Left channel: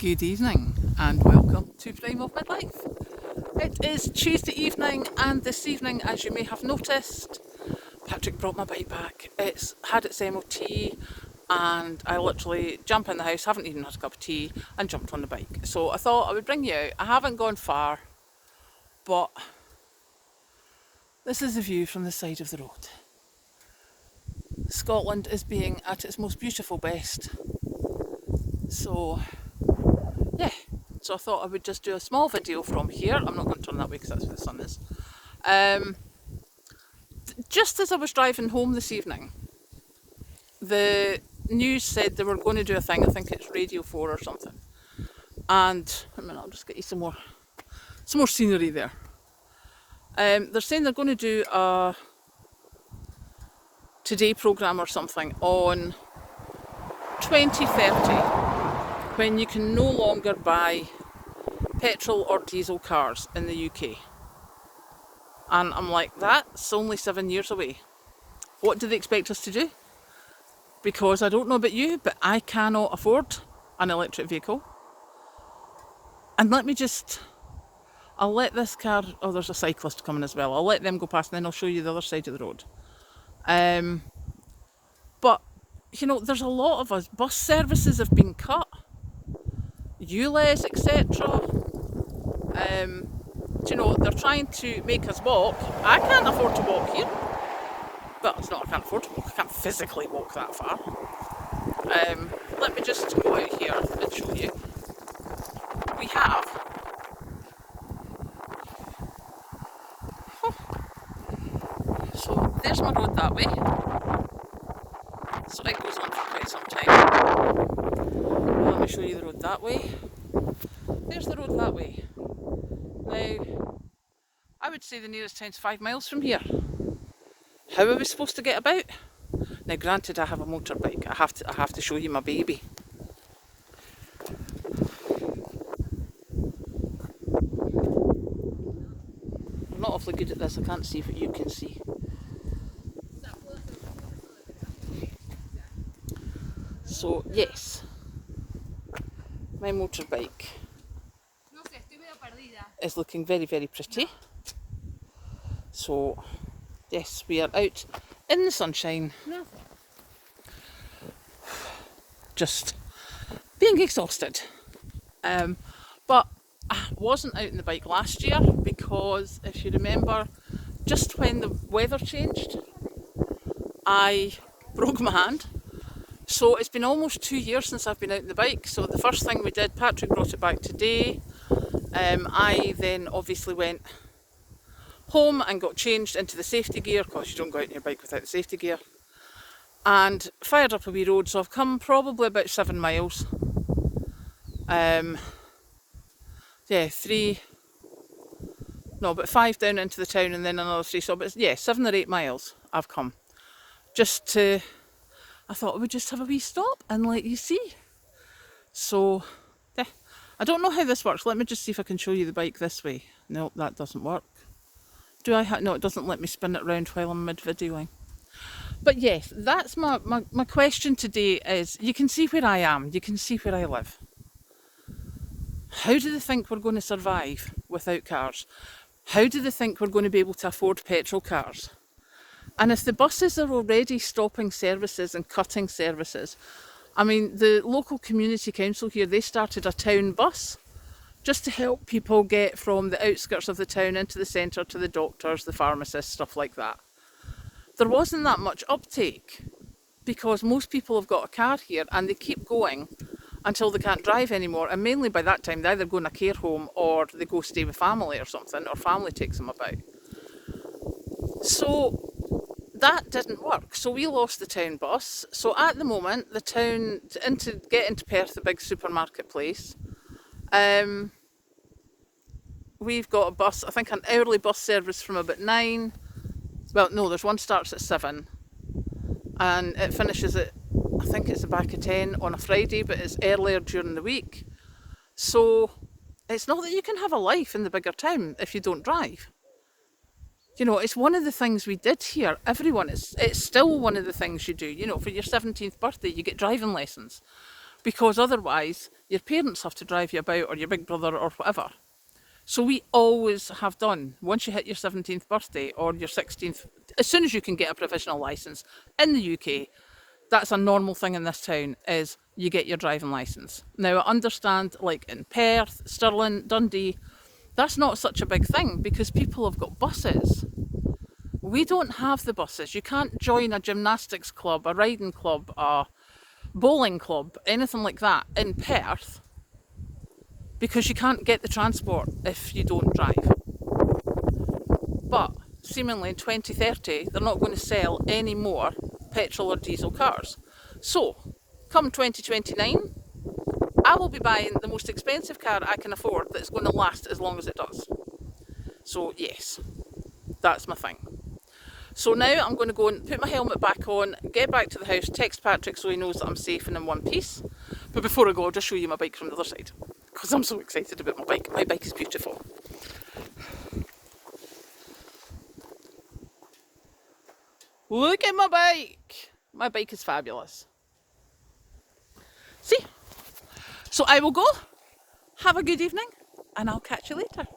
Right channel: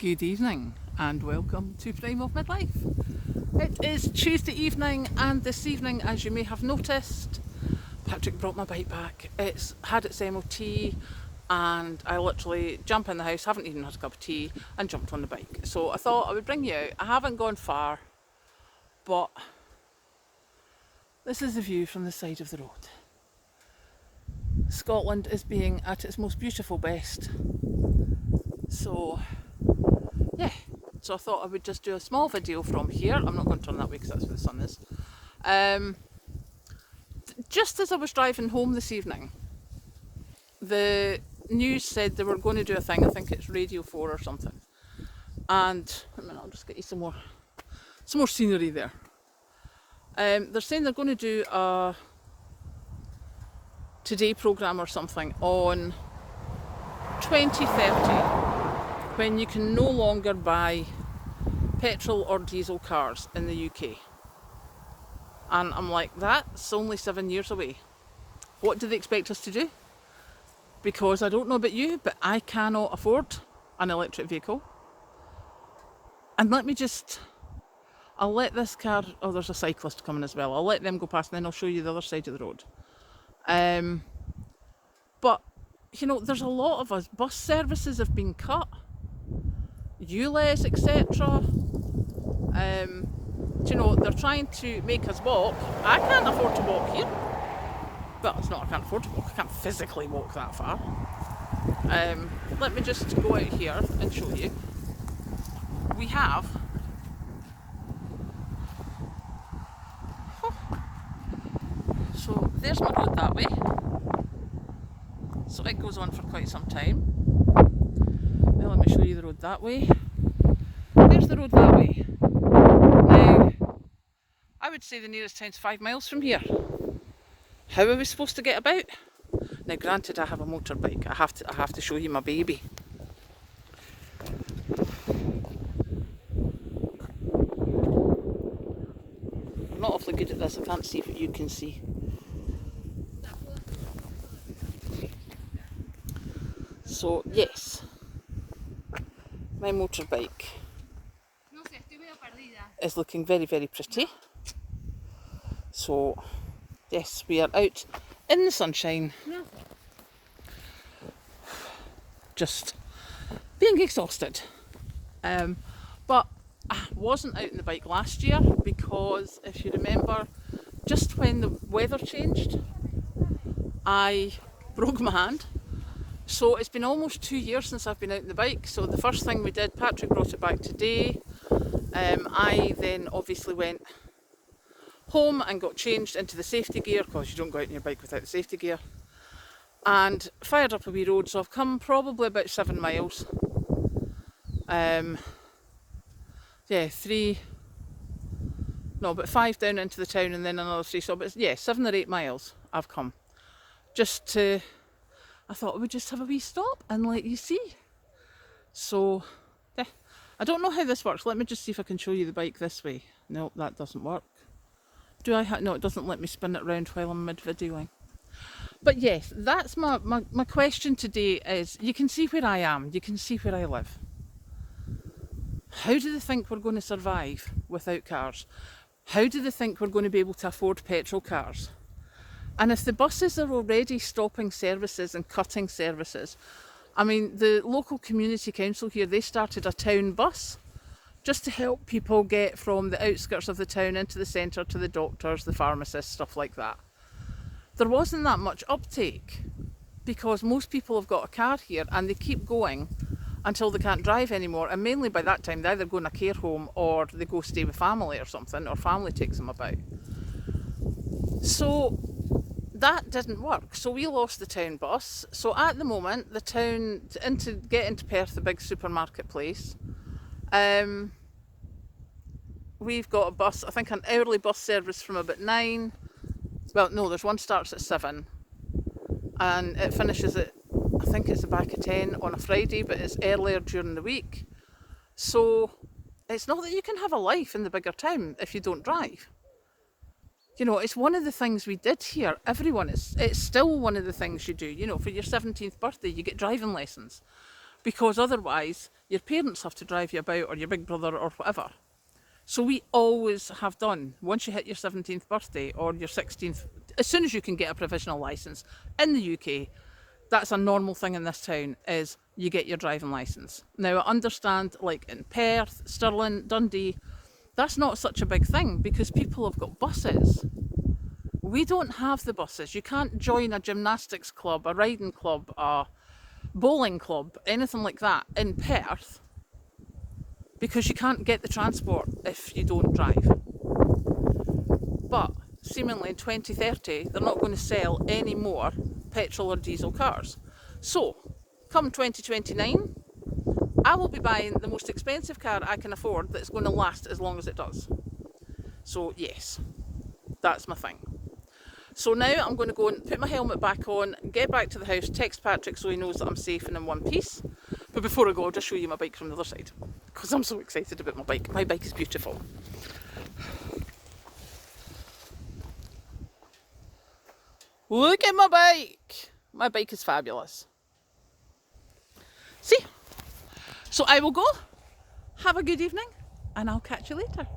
Good evening and welcome to Prime of Midlife. It is Tuesday evening, and this evening, as you may have noticed, Patrick brought my bike back. It's had its MOT and I literally jump in the house, haven't even had a cup of tea, and jumped on the bike. So I thought I would bring you out. I haven't gone far, but this is the view from the side of the road. Scotland is being at its most beautiful best. So yeah, so I thought I would just do a small video from here. I'm not going to turn that way because that's where the sun is. Just as I was driving home this evening, the news said they were going to do a thing. I think it's Radio 4 or something. And a minute, I'll just get you some more scenery there. They're saying they're going to do a Today programme or something on 2030, when you can no longer buy petrol or diesel cars in the UK. And I'm like, that's only 7 years away. What do they expect us to do? Because I don't know about you, but I cannot afford an electric vehicle. And I'll let this car, oh, there's a cyclist coming as well. I'll let them go past and then I'll show you the other side of the road. But, you know, there's a lot of us. Bus services have been cut. ULEZ, etc. You know, they're trying to make us walk. I can't afford to walk here. Well, it's not I can't afford to walk. I can't physically walk that far. Let me just go out here and show you. We have... So there's my road that way. So it goes on for quite some time. Let me show you the road that way. There's the road that way. Now, I would say the nearest town's 5 miles from here. How are we supposed to get about? Now, granted, I have a motorbike. I have to show you my baby. I'm not awfully good at this. I can't see what you can see. So, yes, my motorbike is looking very, very pretty. So, yes, we are out in the sunshine, just being exhausted. But I wasn't out on the bike last year because, if you remember, just when the weather changed, I broke my hand. So it's been almost 2 years since I've been out on the bike. So the first thing we did, Patrick brought it back today. I then obviously went home and got changed into the safety gear, because you don't go out on your bike without the safety gear. And fired up a wee road, so I've come probably about 7 miles. About 5 down into the town and then another 3. So, but yeah, 7 or 8 miles I've come. I thought I would just have a wee stop and let you see. So, yeah. I don't know how this works. Let me just see if I can show you the bike this way. No, that doesn't work. No, it doesn't let me spin it around while I'm mid-videoing. But yes, that's my question today is, you can see where I am. You can see where I live. How do they think we're going to survive without cars? How do they think we're going to be able to afford petrol cars? And if the buses are already stopping services and cutting services, I mean, the local community council here, they started a town bus just to help people get from the outskirts of the town into the centre to the doctors, the pharmacists, stuff like that. There wasn't that much uptake because most people have got a car here and they keep going until they can't drive anymore. And mainly by that time, they either go in a care home or they go stay with family or something, or family takes them about. So that didn't work, so we lost the town bus. So at the moment, the town, to get into Perth, the big supermarket place, we've got a bus, I think an hourly bus service from about 9. Well, no, there's one starts at 7 and it finishes at, I think it's the back of 10 on a Friday, but it's earlier during the week. So it's not that you can have a life in the bigger town if you don't drive. You know, it's one of the things we did here. It's still one of the things you do. You know, for your 17th birthday, you get driving lessons. because otherwise your parents have to drive you about, or your big brother or whatever. So we always have done, once you hit your 17th birthday or your 16th, as soon as you can get a provisional licence in the UK, that's a normal thing in this town, is you get your driving licence. Now I understand, like in Perth, Stirling, Dundee, that's not such a big thing because people have got buses. We don't have the buses. You can't join a gymnastics club, a riding club, a bowling club, anything like that in Perth, because you can't get the transport if you don't drive. But seemingly in 2030, they're not going to sell any more petrol or diesel cars. So, come 2029, I will be buying the most expensive car I can afford that's going to last as long as it does. So yes, that's my thing. So now I'm going to go and put my helmet back on, get back to the house, text Patrick so he knows that I'm safe and in one piece. But before I go, I'll just show you my bike from the other side, because I'm so excited about my bike. My bike is beautiful. Look at my bike! My bike is fabulous. See? So I will go, have a good evening, and I'll catch you later.